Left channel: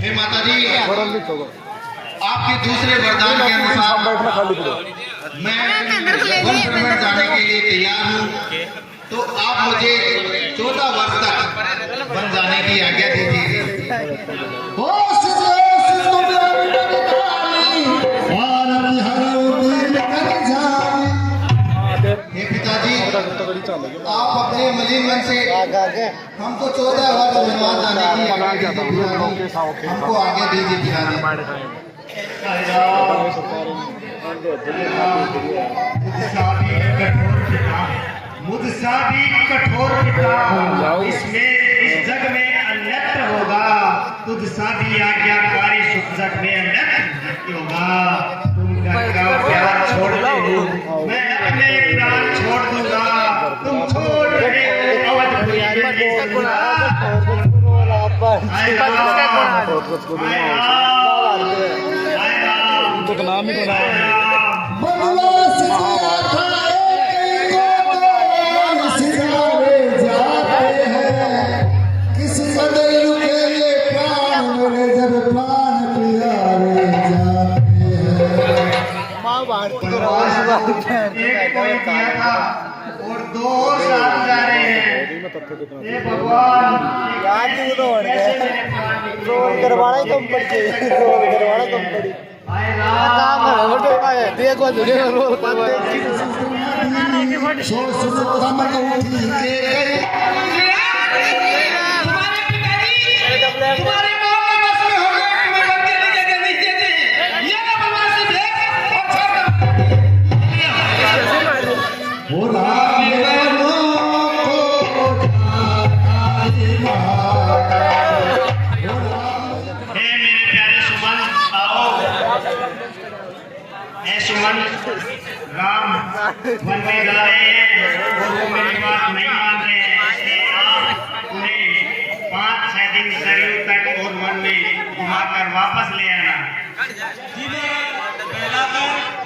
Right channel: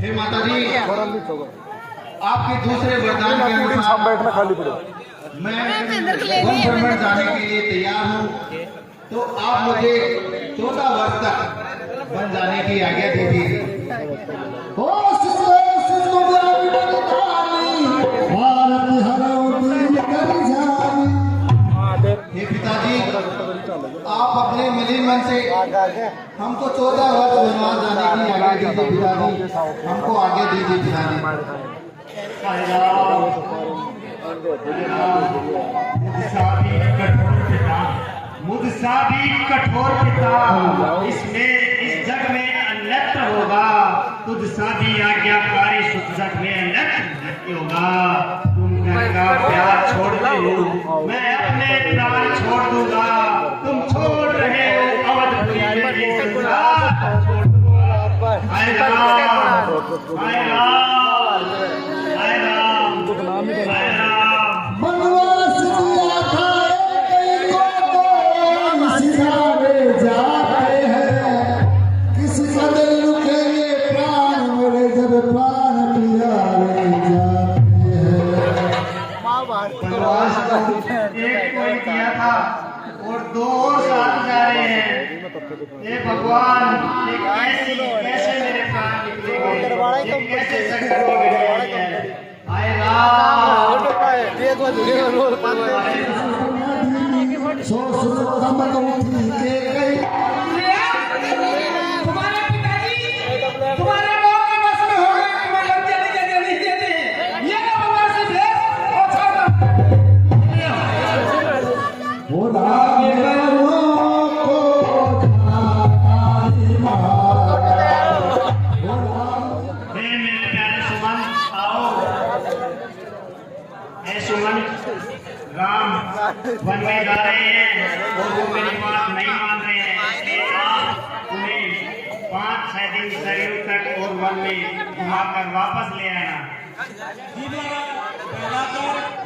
हे माता जी, आपके दूसरे वरदान के अनुसार मैं वन ब्रह्मांड जाने के लिए तैयार हूँ। तो आप मुझे 14 वर्ष तक वन जाने की आज्ञा दीजिए। हे पिताजी, आप अपने मलिन मन से हमको 14 वर्ष वनवास जाने की हमको आगे दीजिए पिताजी। मुझसा भी कठोर पिता, इसमें इस जग में अन्यत्र होगा। तुझसा भी आज्ञाकारी सुख जग में अन्यत्र होगा। तुम घर का प्यार छोड़ दो, मैं अपने प्राण छोड़ दूंगा। तुम छोड़ रहे हो अवधपुरी में ये दुनिया। हाय राम, हाय राम, हाय राम, तो नाम ही बनाया। एक कोई दिया था और 2 साथ जा रहे हैं। ये भगवान कैसे मेरे प्राण निकले? हाय सुमन, राम वन में जा रहे हैं और वो मेरी बात नहीं मान रहे हैं। आप उन्हें 5-6 दिन सरयू तक और वन में घुमाकर वापस ले आना।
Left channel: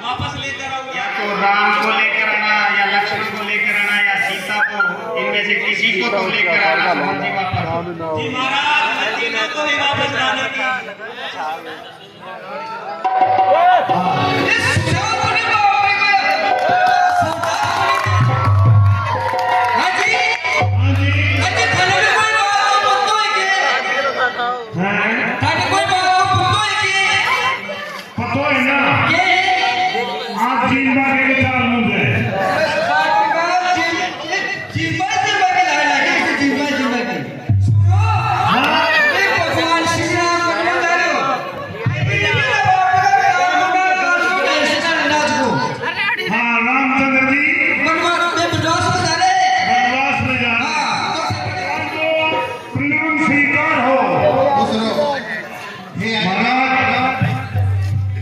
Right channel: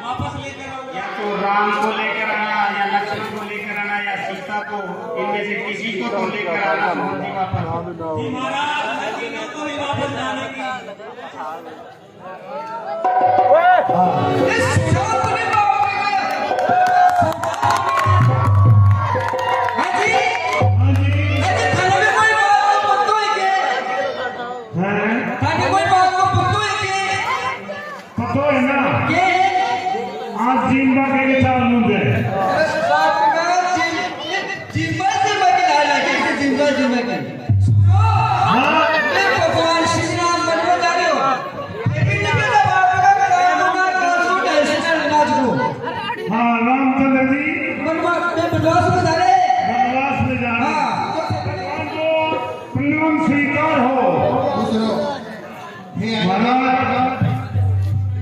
वापस लेकर आओ, या तो राम को लेकर आना, या लक्ष्मण को लेकर आना, या सीता को, इनमें से किसी को तो लेकर आना। सुमन जी वापस जी महाराज को भी वापस लाने की।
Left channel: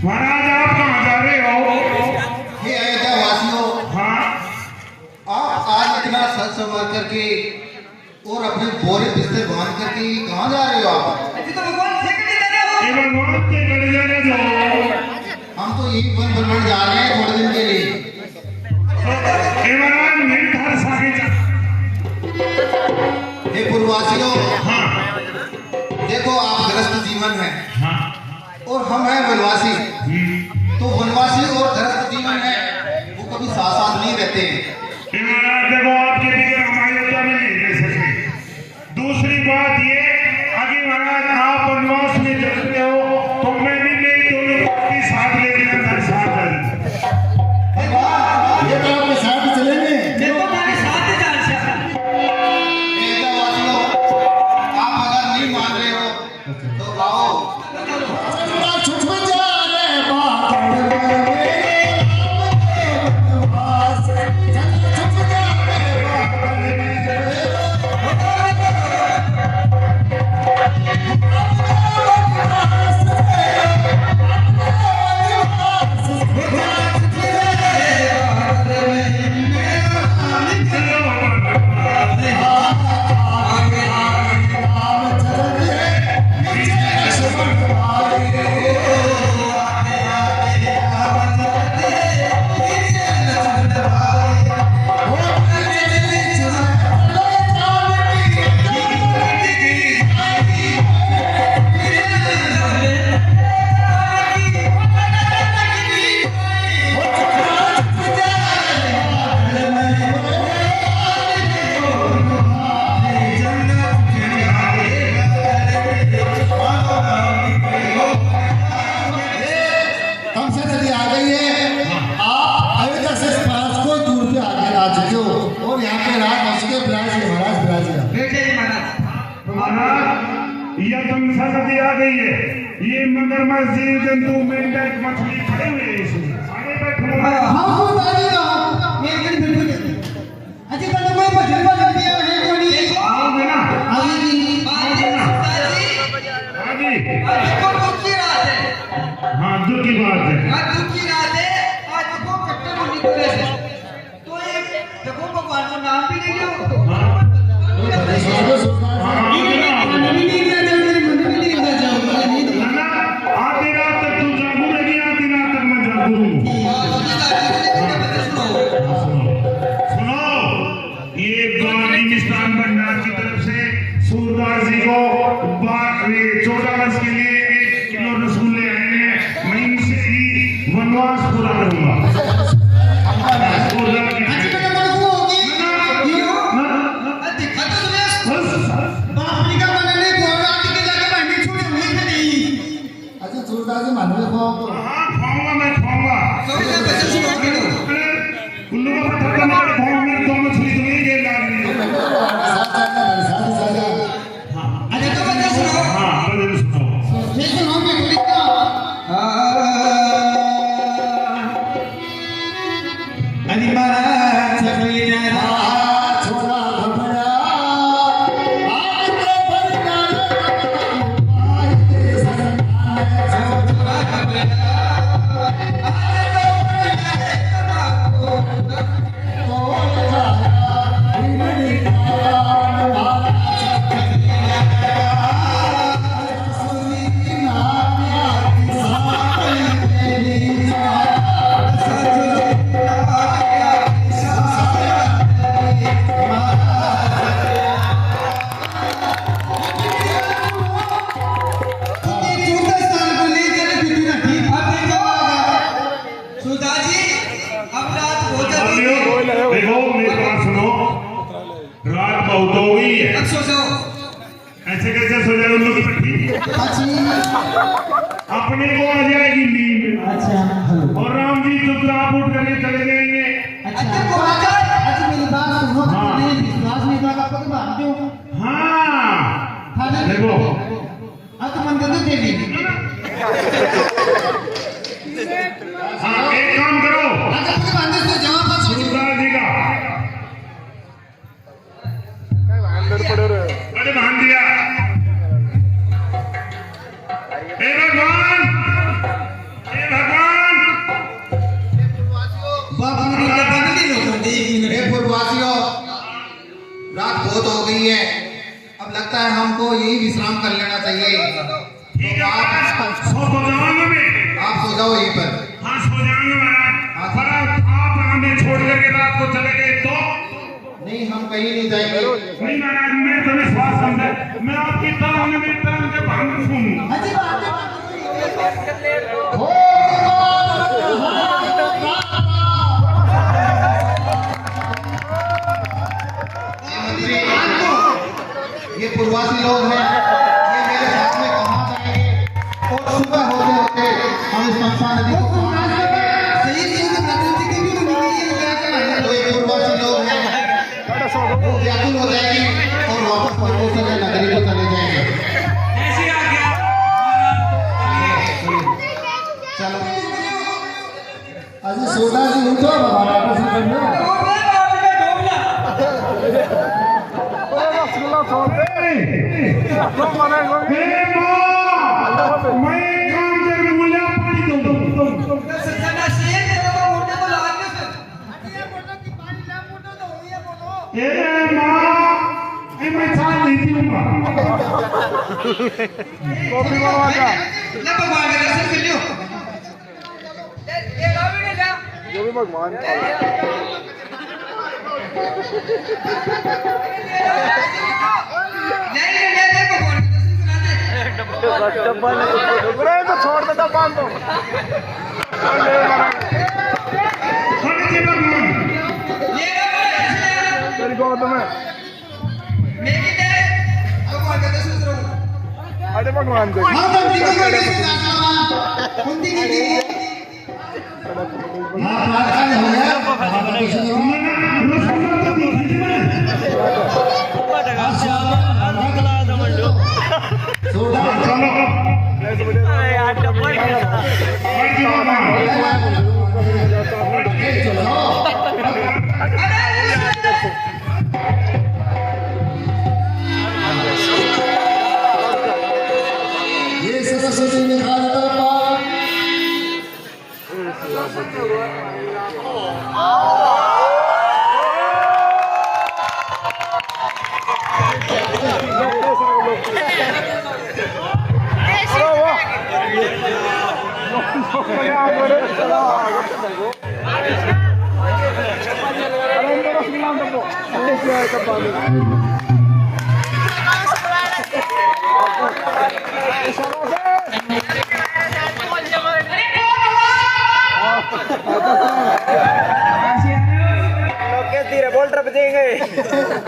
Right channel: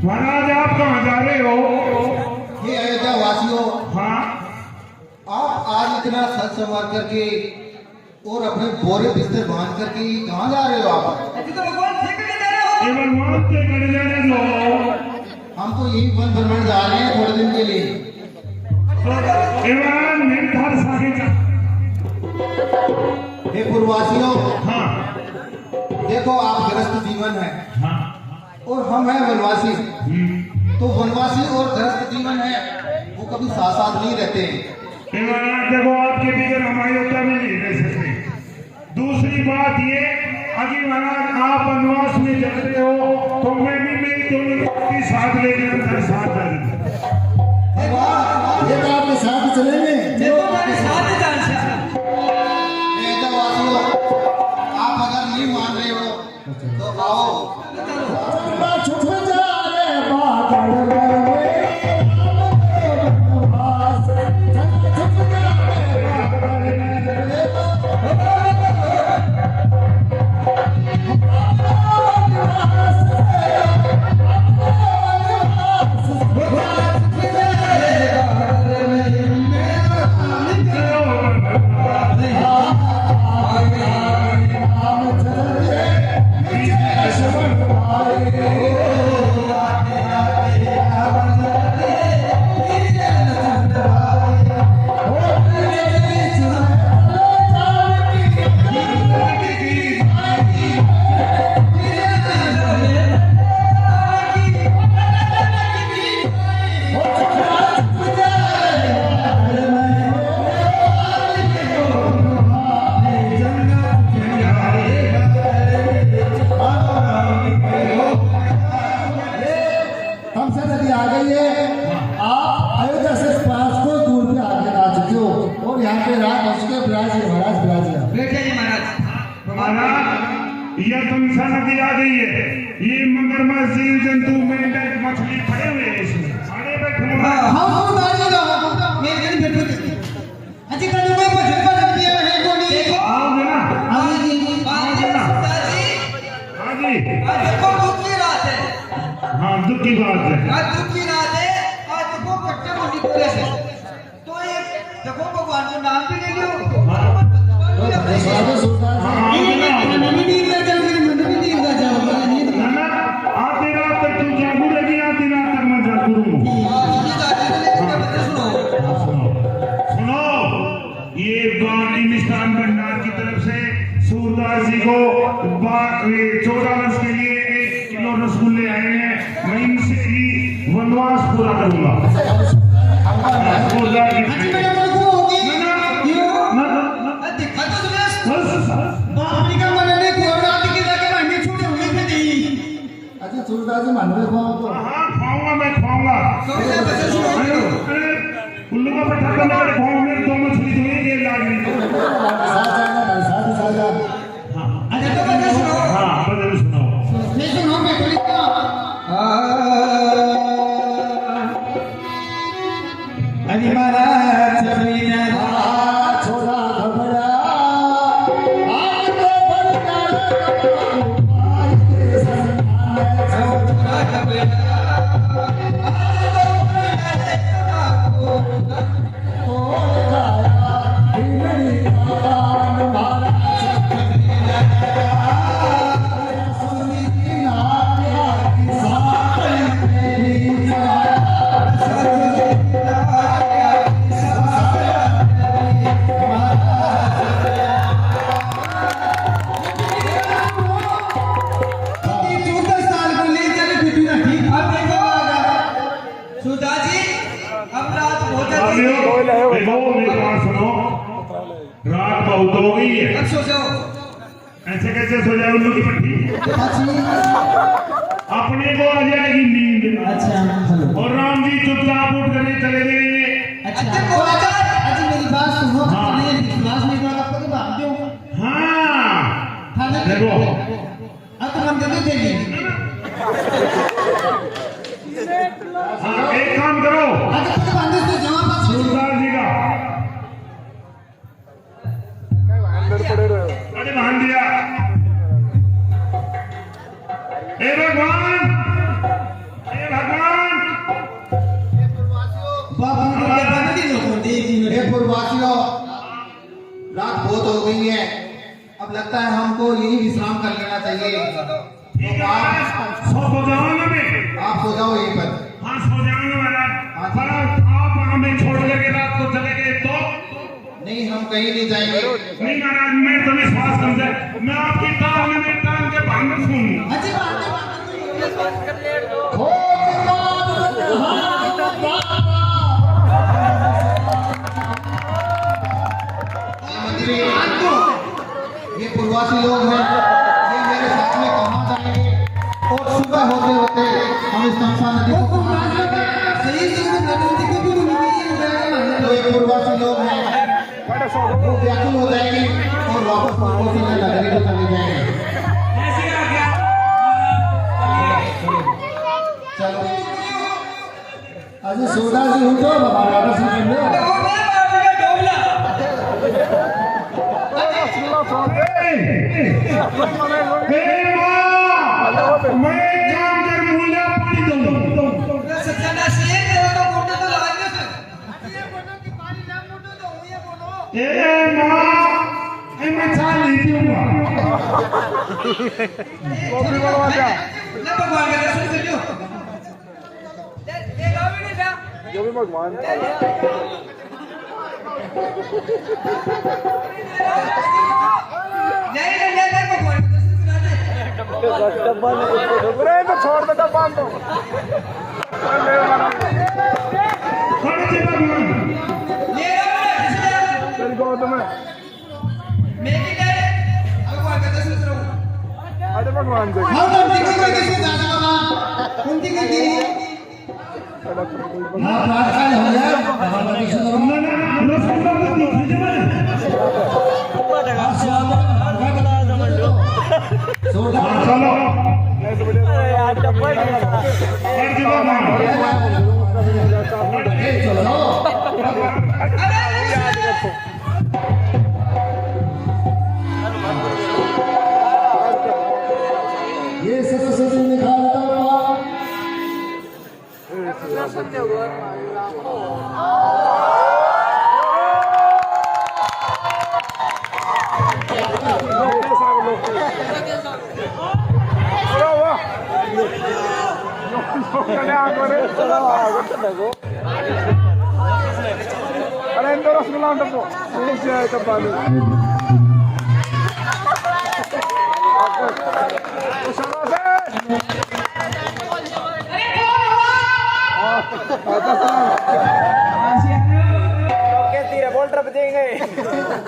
महाराज आप कहाँ जा रहे हो? हे अयोध्या वासियों, आप आज इतना सच संवार करके और अपने बोरे बिस्तर बांध करके कहाँ जा रहे हो? आप भगवान के घर जाने दो। हम तो यही वन भ्रमण जा रहे हैं थोड़े दिन के लिए। निर्धार सारे हे पूर्ववासियों, देखो आप गृहस्थ जीवन है और हम हैं वनवासी। तो वनवासी और गृहस्थ जीवन है वो कभी साथ साथ नहीं रहते हैं। देखो आपके बगैर हम अयोध्या में नहीं रह सकते। दूसरी बात ये, अगर महाराज आप वनवास में चलते हो तो मैं भी मेरी दोनों की साथ ले जाकर साथ ये तो आपके साथ चलेंगे। आप अगर नहीं मान रहे हो तो गाओ। Oh तमसा नदी आ गई है। ये मगरमच्छ, जीव जंतु, मेंढक, मछली खड़े हुए हैं इसमें। सारे बैठे हुए हैं। आओगे ना? हाँ जी। हाँ, दुख की बात है। भगवान को नाम भी ले लो। आधी रात तक तू जागू रहेगी, आधी रात तक मैं जागू रहूंगा। सुनो, ये मिष्ठान भंडार की तरफ से सूरदास जी को 14 वर्ष के लिए 1 किलो रसगुल्ले आए हैं। मैं इनसे ही वनवास पूरा करूंगा। हाँ, खाऊंगा, मैं खाऊंगा। उल्लू का पत्थर मार खाऊंगा, मेरी 2 मछली तो नहीं गई लाग में। हाँ, भजन सुनाओ। रात बहुत हो गई है। ऐसे कैसे सो जाए उल्लू की पट्टी? अपने को आ जाएगी नींद। और राम जी चुपचाप उठ करके चले जाएंगे। हाँ, देखो हाँ, एक काम करो, सूरदास जी का अरे मान दिया। हे भगवान, हे भगवान। पूर्ववासियों, रात बहुत हो गई है, अब लगता है हमको यही विश्राम कर लेना चाहिए। ठीक है, सो जाओगे में। आप सो जाओ यहीं पर। हाँ, सो जाएंगे महाराज। पर आप हमें छोड़ करके रात को चले गए तो? नहीं, हम कहीं नहीं जाएंगे। नहीं महाराज, मैं तो विश्वास करता हूं, मैं आपकी टांग में टांग के भांग सुनूंगा। ये पूर्वासी लोग हैं, ये मेरे साथ में कहाँ जाएंगे? और सुबह होते होते हम इस तमसा नदी को तो ये पूर्वासी लोग हैं, वो व्याकुल हो जाएंगे और वापस पूर्वों से नगरी को चले जाएंगे। चलो अजी सोडा जी उठो बाबा से कर लो। मैं काम करके बोले पानी दो। मैं चाय नहीं पीऊंगा। कॉफी बनवा जा। जो भी भगवान डब्बा नहीं तो छोड़ दे डब्बा तो तेरी गोद में अरे भगवान को सोडा चलो ये सरस्वती में खा जाता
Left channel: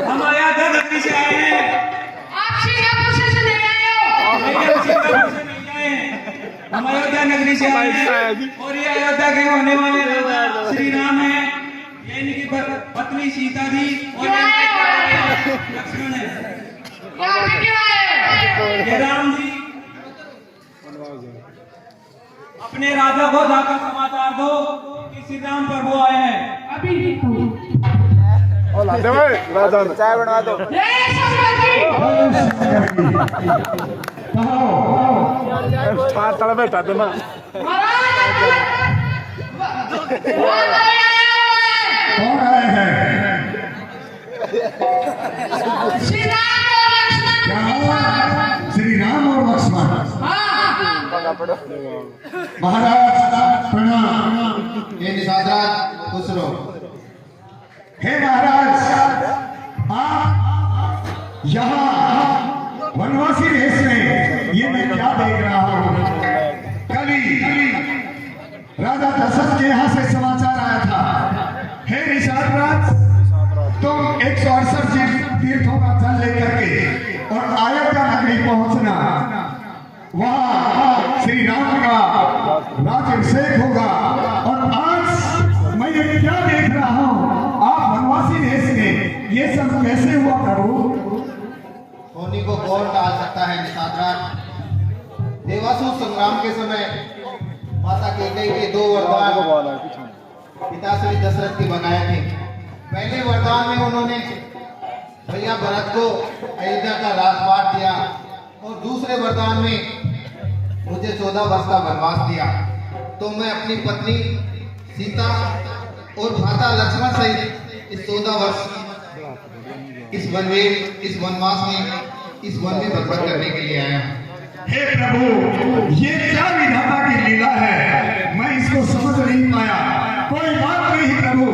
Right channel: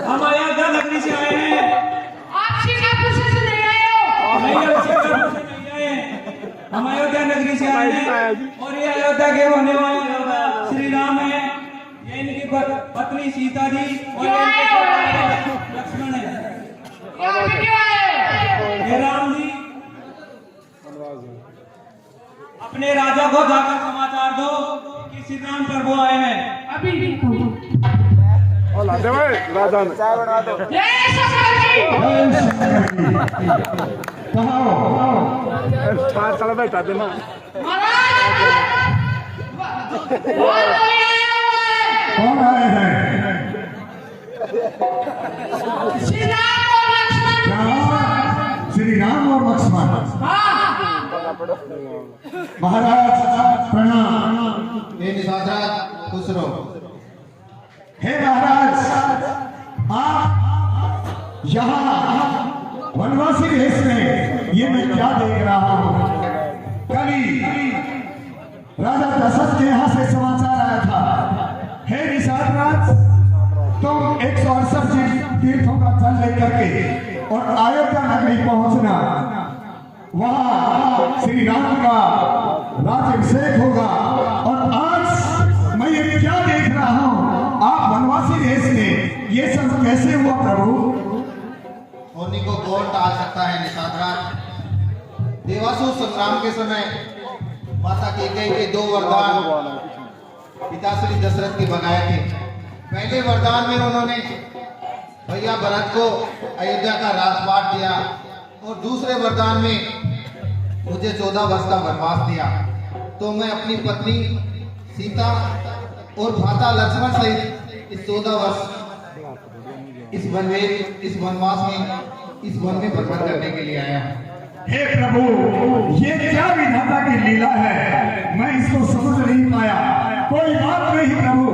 हम अयोध्या नगरी से आए हैं। आप सिंगापुर से नहीं आए हो। हम अयोध्या नगरी से आए हैं और ये अयोध्या के होने वाले राजा श्री राम है, ये इनकी पत्नी सीता जी और इनके पुत्र लक्ष्मण है। क्यों आए? हे राम जी, अपने राजा को जाकर समाचार दो कि श्री राम प्रभु आए हैं। अभी भी तो। राजा ने ये सरस्वती। बैठा थे ना कौन आए हैं? श्री राम और लक्ष्मण। महाराज प्रणाम। हे निषादराज खुश रहो। हे महाराज, आप यहाँ वनवासी देश में ये मैं क्या देख रहा हूँ? कल ही राजा दशरथ के यहाँ से समाचार आया था। हे निषादराज, तुम 168 तीर्थों का जल लेकर के और अयोध्या नगरी पहुंचना, वहाँ श्री राम का राज्याभिषेक होगा। और आज मैं ये क्या देख रहा हूँ? आप वनवासी देश में ये सब कैसे हुआ प्रभु? होनी को कौन टाल सकता है निषादराज? देवासुर संग्राम के समय माता कैकेयी के 2 वरदान पिता श्री दशरथ के बनाए थे। पहले वरदान में उन्होंने भैया भरत को अयोध्या का राजपाट दिया और दूसरे वरदान में मुझे 14 वर्ष का वनवास दिया। तो मैं अपनी पत्नी सीता और भ्राता लक्ष्मण सहित इस 14 वर्ष इस वनवास में इस वन में बर्बाद करने के लिए आया हूँ। हे प्रभु, ये क्या विधाता की लीला है? मैं इसको समझ नहीं पाया। कोई बात नहीं प्रभु,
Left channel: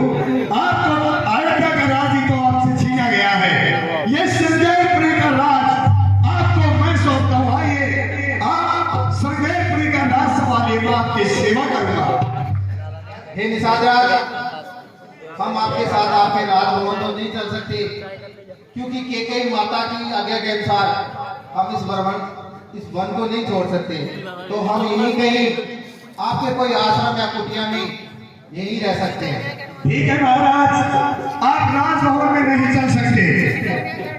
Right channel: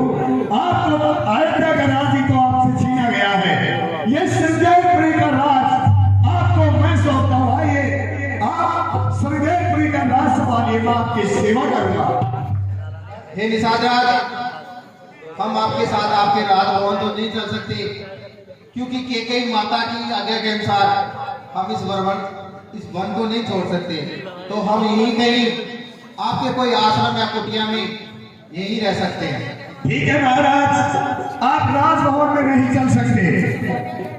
आपको अयोध्या का राज ही तो आपसे छीना गया है। ये संजयपुरी का राज आपको मैं सौंपता हूँ। आइए, आप संजयपुरी का राज संभालिए, मैं आपकी सेवा करूंगा। हे निषादराज, हम आपके साथ आपके राजभवन तो नहीं चल सकते, क्योंकि कैकेयी माता की आज्ञा के अनुसार हम इस वन को नहीं छोड़ सकते। तो हम यहीं कहीं आपके कोई आश्रम या कुटिया में यहीं रह सकते हैं। ठीक है महाराज, आप राजभवन में नहीं चल सकते,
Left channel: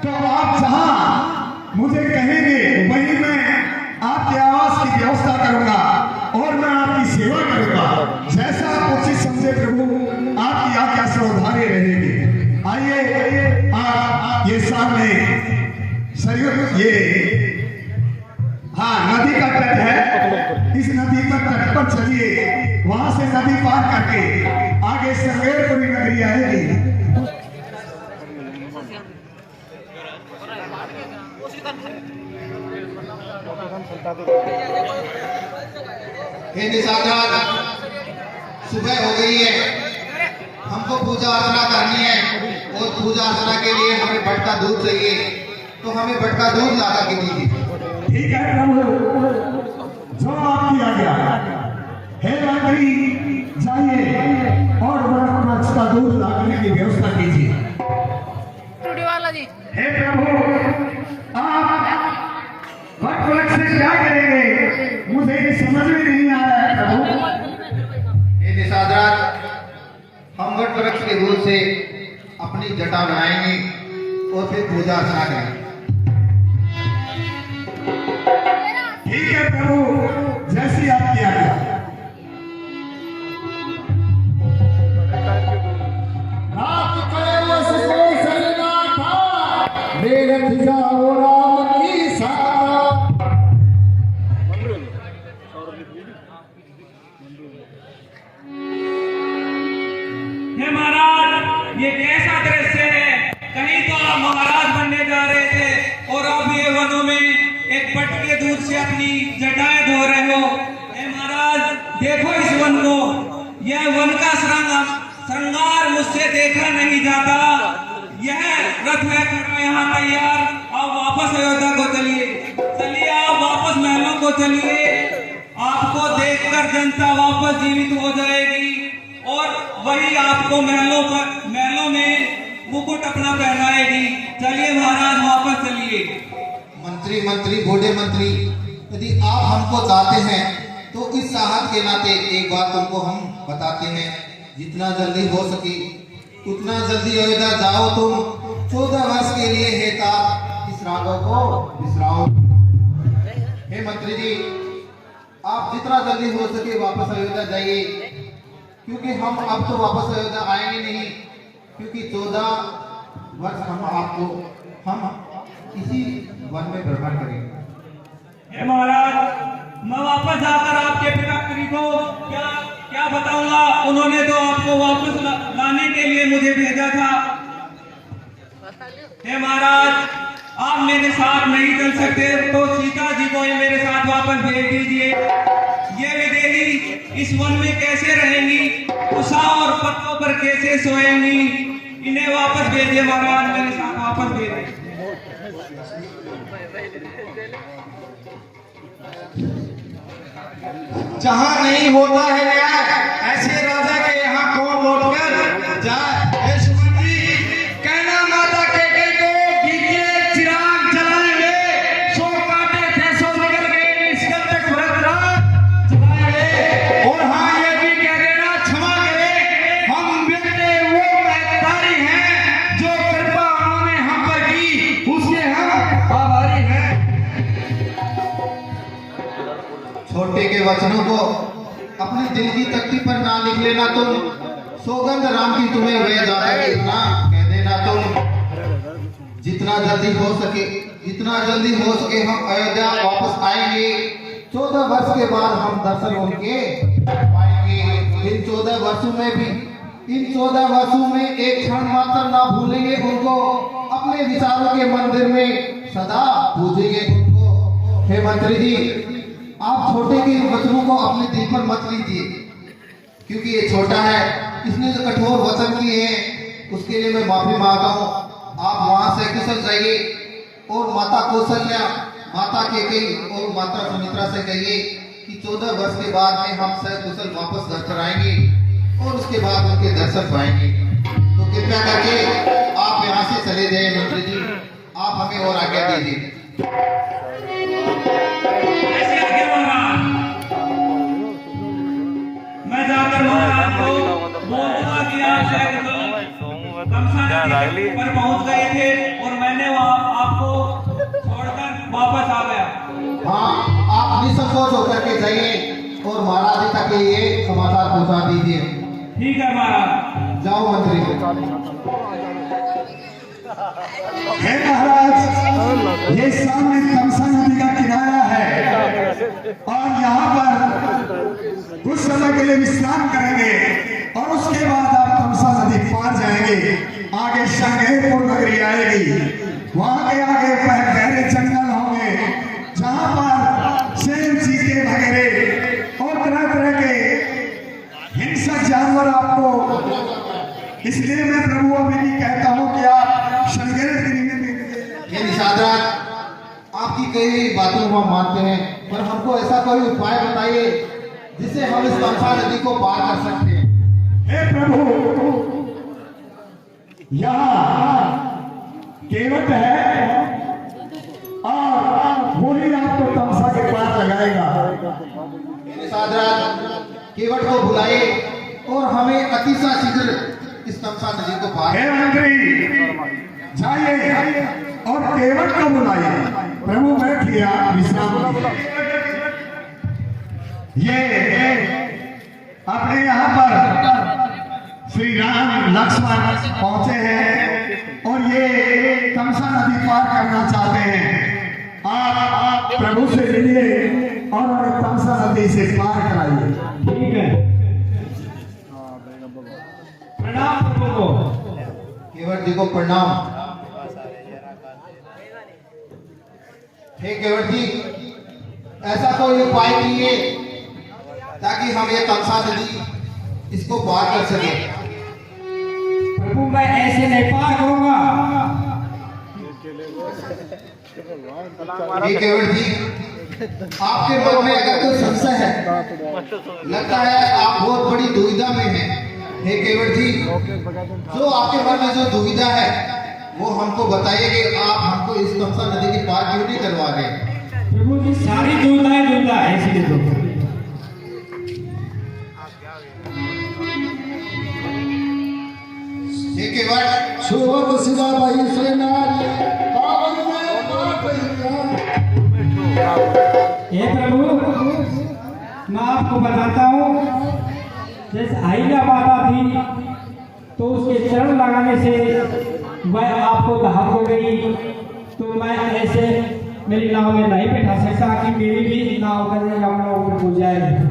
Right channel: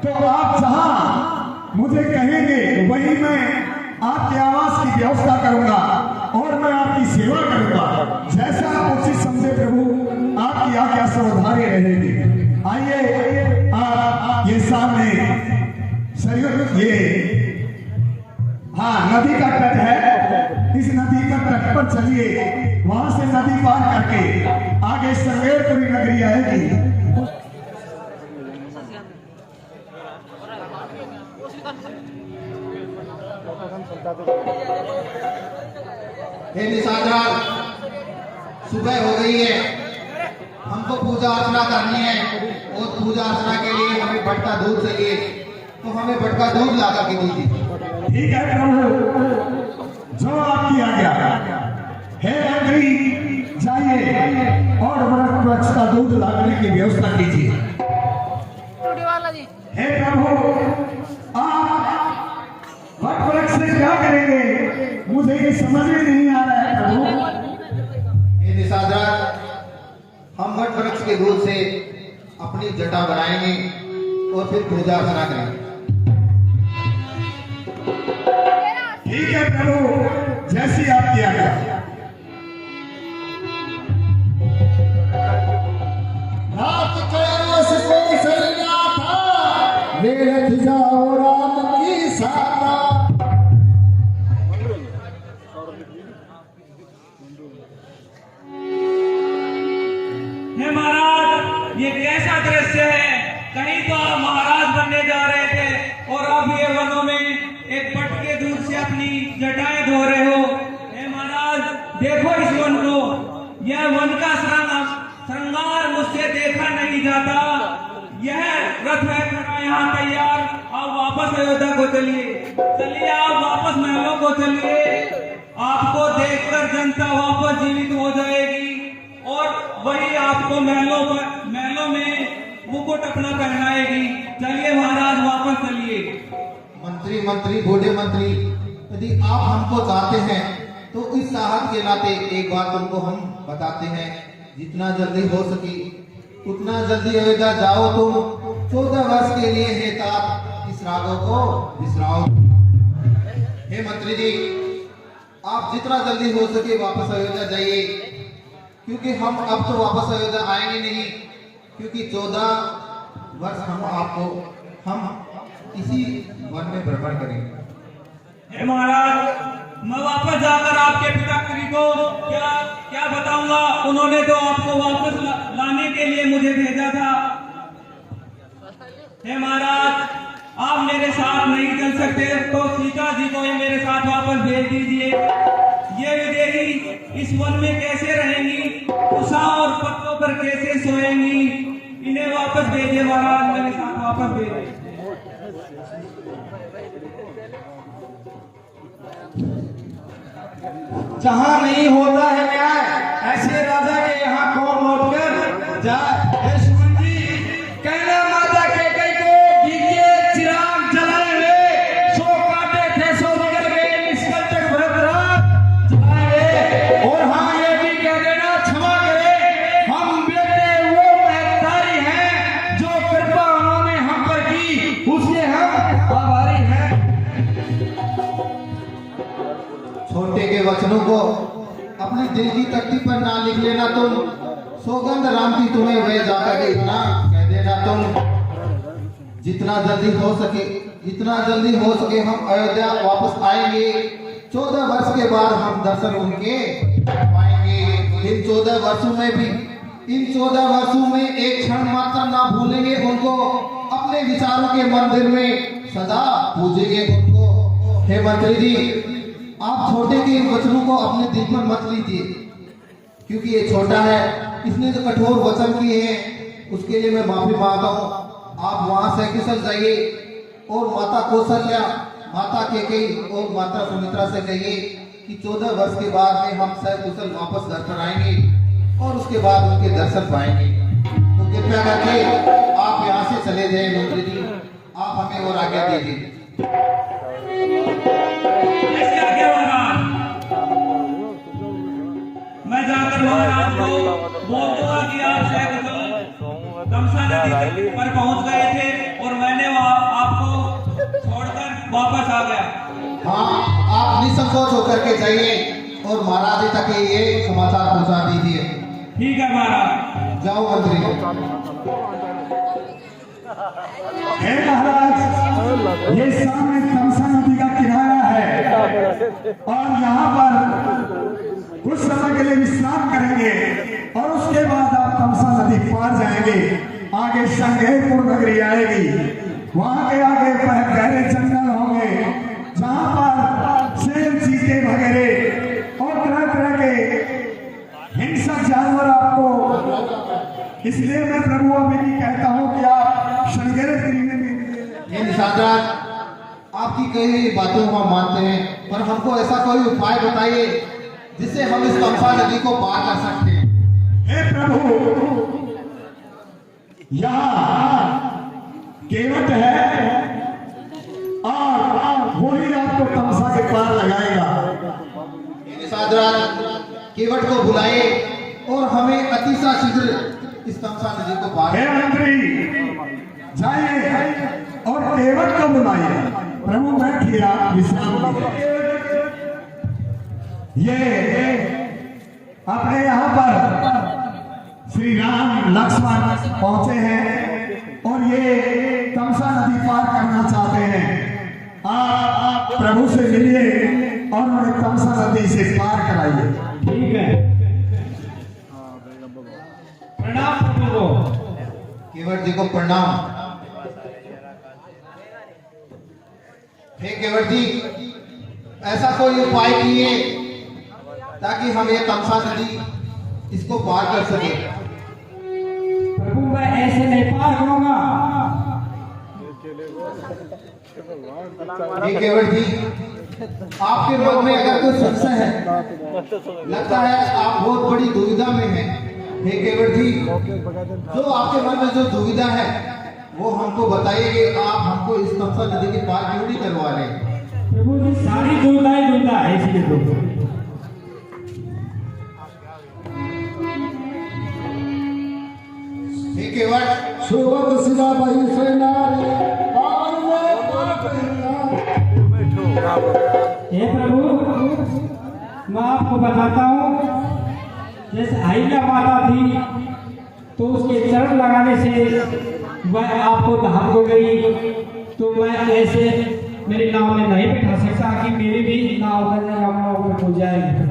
तो आप जहां मुझे कहेंगे वहीं मैं आपके आवास की व्यवस्था करूंगा और मैं आपकी सेवा करूंगा। जैसा आप उचित समझे प्रभु, आपकी आज्ञा सर्वधारी रहेगी। आइए, आप ये सामने ये नदी का तट है, इस नदी का तट पर चलिए। वहां से नदी पार करके आगे संगेरपुरी नगरी आएगी। हे निषादराज, सुबह हो गई है, हमको पूजा अर्चना करनी है और पूजा अर्चना के लिए हमें भटका दूध चाहिए, तो हमें भटका दूध लाकर के दीजिए। ठीक है प्रभु, जो आपकी आज्ञा। हे मंत्री, जाइए और वृक्ष का दूध लाने की व्यवस्था कीजिए। हे प्रभु, आप वृक्ष से क्या करेंगे? मुझे ये समझ में नहीं आ रहा है प्रभु। हे निषादराज, हम वट वृक्ष के दूध से अपनी जटा बनाएंगे और फिर पूजा अर्चना करेंगे। ठीक है प्रभु, जैसी आपकी आज्ञा। रात कैलाश में सजना था, मेरठ जाओ राम की सारा। ये महाराज, ये कैसा दृश्य है? कहीं तो आप महाराज बनने जा रहे थे और अब ये वनों में एक बट के दूध से अपनी जटाएं धो रहे हो। हे महाराज, देखो इस वन को, यह वन का श्रृंगार मुझसे देखा नहीं जाता। यह रथ है खड़ा यहाँ तैयार। आप वापस अयोध्या को चलिए, चलिए आप वापस महलों को चलिए। आपको देखकर जनता वापस जीवित हो जाएगी और वही आपको महलों में मुकुट अपना पहनाएगी। चलिए महाराज, वापस चलिए। मंत्री बूढ़े मंत्री, यदि आप हमको चाहते हैं तो इस साहब के नाते एक बात तुमको हम बताते हैं, जितना जल्दी हो सके उतना जल्दी अयोध्या जाओ। तुम 14 वर्ष के लिए हे तात इस राघव को विश्राम। हे मंत्री जी, आप जितना जल्दी हो सके वापस अयोध्या जाइए, क्योंकि हम अब तो वापस अयोध्या आएंगे नहीं, क्योंकि 14 वर्ष हम इसी वन में भ्रमण करेंगे। हे महाराज, मैं वापस जाकर आपके पिताश्री को क्या बताऊंगा? उन्होंने तो आपको वापस लाने के लिए मुझे भेजा था। हे महाराज, आप मेरे साथ नहीं चल सकते तो सीता जी को ही मेरे साथ वापस भेज दीजिए। ये विदेही इस वन में कैसे रहेंगी, उषा और पत्तों पर कैसे सोएंगी? इन्हें वापस भेजिए महाराज, मेरे साथ वापस भेजिए। जहाँ नहीं होता है न्याय, ऐसे राजा के यहाँ कौन लौट कर जाए? हे सुमन जी, कहना माता के कई को घी के चिराग जलाए हुए, सो काटे थे सो निकल गए, निष्कलते भरत रात जलाए हुए। और हाँ, ये भी कह देना क्षमा करे, हम बेटे वो महतारी हैं जो कृपा उन्होंने हम पर की, उसके हम आभारी हैं। छोटे के वचनों को अपने दिल की तख्ती पर ना लिख लेना तुम, सौगंध राम की तुम्हें वे जाकर इतना कह देना तुम। जितना जल्दी हो सके हम अयोध्या वापस आएंगे। 14 वर्ष के बाद हम दर्शन उनके पाएंगे। इन 14 वर्षों में एक क्षण मात्र ना भूलेंगे उनको, अपने विचारों के मंदिर में सदा पूजेंगे उनको। हे मंत्री जी, आप छोटे के वचनों को अपने दिल पर मत लीजिए, क्योंकि ये छोटा है, इसने जो कठोर वचन किए हैं उसके लिए मैं माफी मांगता हूँ। आप वहां से कुशल जाइए और माता कौशल्या, माता केकई और माता सुमित्रा से कहिए कि 14 वर्ष के बाद में हम सकुशल वापस घर पर आएंगे और उसके बाद उनके दर्शन पाएंगे। तो कृपया करके आप यहाँ से चले जाइए मंत्री जी, आप हमें और आज्ञा दीजिए। ऐसे आगे महाराज, मैं जाकर महाराज को बोलता कि आप शायद तमसा नदी पर पहुंच गए थे और मैंने वहां आपको छोड़कर वापस आ गया। हाँ, आप निसंकोच होकर के जाइए और महाराज जी तक ये समाचार पहुंचा दीजिए। ठीक है महाराज, जाओ मंत्री। हे महाराज, ये सामने तमसा नदी का किनारा है और यहाँ पर कुछ समय के लिए विश्राम करेंगे और उसके बाद आप तमसा नदी पार जाएंगे। आगे शंघेपुर नगरी आएगी, वहां के आगे गहरे जंगल होंगे जहाँ पर शेर, चीते वगैरह और तरह तरह के हिंसक जानवर आपको, इसलिए मैं प्रभु अभी कहता हूँ कि आप ये निषादराज, आपकी कई हुई बातों को हम मानते हैं, पर हमको ऐसा कोई उपाय बताइए जिससे हम इस तमसा नदी को पार कर सकते हैं। हे प्रभु, यहाँ केवट है और वही आपको तमसा के पार लगाएगा। ये निषादराज, केवट को बुलाइए और हमें अतिशय शीघ्र इस तमसा नदी को पार। हे मंत्री, जाइए और केवट को बुलाइए। प्रभु बैठिए, आप विश्राम लीजिए। ये अपने यहाँ पर श्री राम लक्ष्मण पहुंचे हैं और ये तमसा नदी पार करना चाहते हैं। आप प्रभु से मिलिए और उन्हें तमसा नदी से पार कराइए। ठीक है, प्रणाम प्रभु को। केवट जी को प्रणाम। हे केवट जी, ऐसा कोई उपाय कीजिए ताकि हम ये तमसा नदी इसको पार कर सके। प्रभु मैं ऐसे नहीं पार करूंगा। हे केवट जी, आपके मन में अगर कोई संशय है, लगता है आप बहुत बड़ी दुविधा में हैं। हे केवट जी, जो आपके मन में जो दुविधा है वो हमको बताइए कि आप हमको इस तमसा नदी के पार क्यों नहीं करवा रहे। प्रभु जी सारी दुविधा है, इसलिए तो हे केवट, सुबह सिला भाई श्रीनाथ हे प्रभु, मैं आपको बताता हूँ, जैसे अहिल्या माता थी तो उसके चरण लगाने से वह आपको धाम हो गई, तो मैं ऐसे मेरी नाव में नहीं बैठा सकता कि मेरी भी नाव कर यमुना ऊपर हो जाए।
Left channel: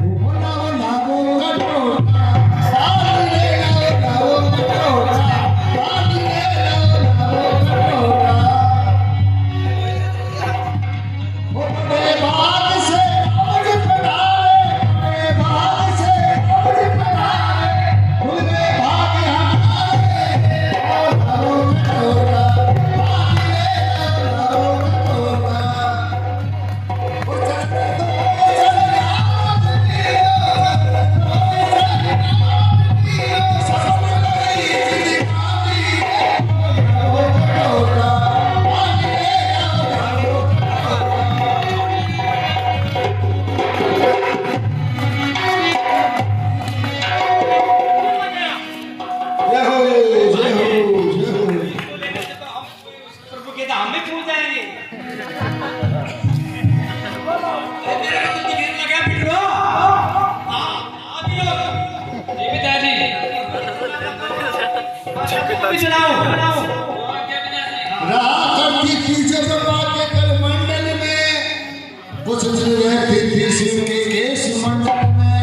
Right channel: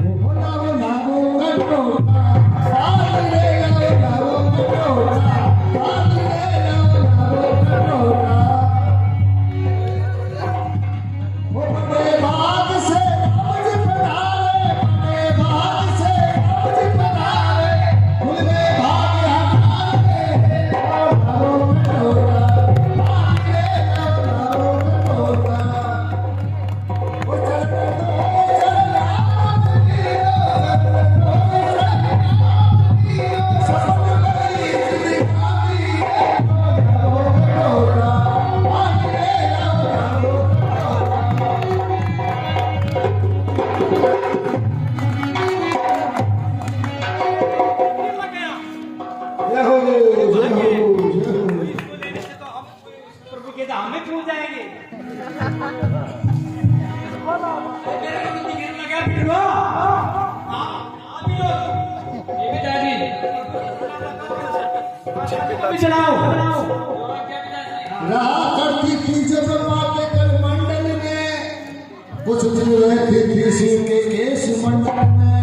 कुछ रहती थी शिव के केश मंडल में,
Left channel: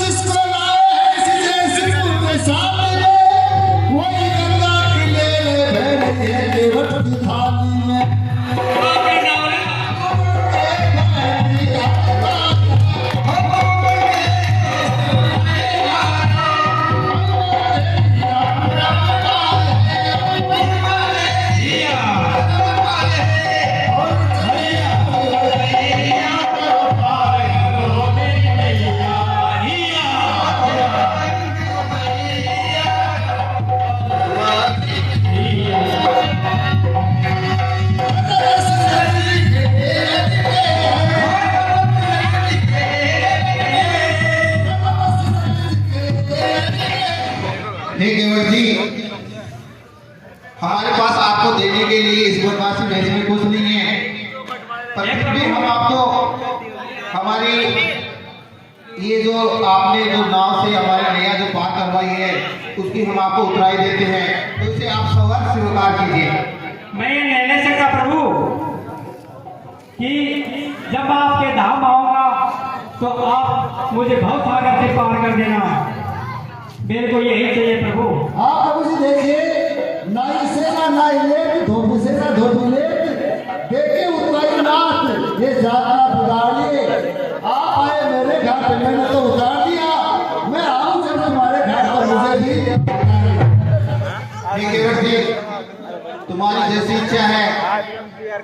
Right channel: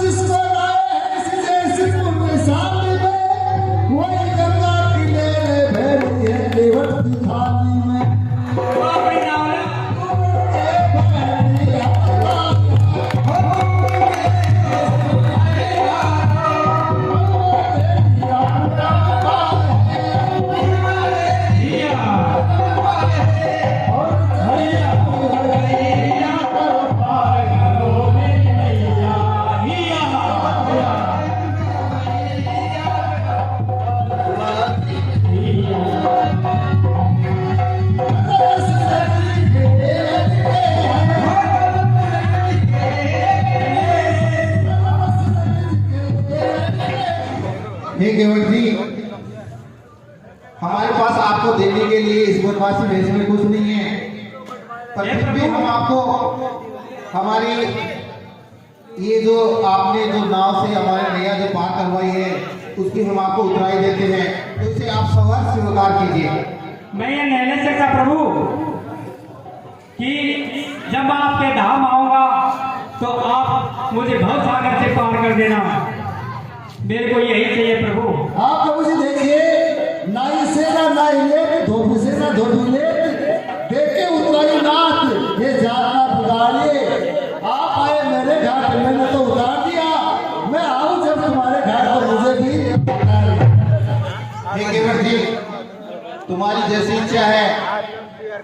जिसको लाए जैसे तुमने सामने, वही गंगा किले में बैठी है केवट की थाली में। हे केवट जी, हमारे पास आपको देने के लिए इस बनवासी भेष में कुछ नहीं है, पर फिर भी हम आपको हमारी ये जो आपने जो नाव से हमारे नैया जो पार करवाई है उसकी हम आपको उतराई देते हैं, तो इसे आप सवार स्वीकार कीजिए। मैं ये नहीं ले सकता प्रभु कि जब मैं आपके धाम आऊंगा तो आप मुझे बहुत सागर से पार कर देना, मेरे को यही चाहिए प्रभु। आप प्रभु जी देखिए, नाई से ना नाई लेट, धोबी से ना धोबी लेट, देखे उतराई नाथ, ये जाति बिगाड़िए। आप आए मेरे घर पे, मैंने तो उतार दिया, मैं आऊं जब तुम्हारे घर पर मुझे भी। हे केवट जी, तुम्हारी जैसी इच्छा है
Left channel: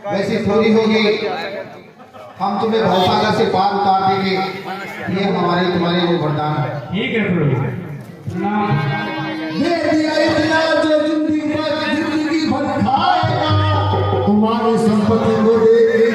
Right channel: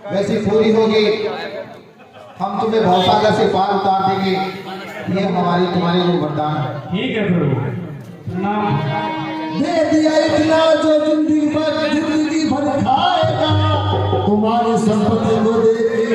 वैसी पूरी होगी, हम तुम्हें भवसागर से पार उतार देंगे, ये हमारे तुम्हारे लिए वरदान है। ठीक है प्रभु, दे दिया इतना जो जिंदगी भर खाएगा, तुम्हारी संपत्ति को दे के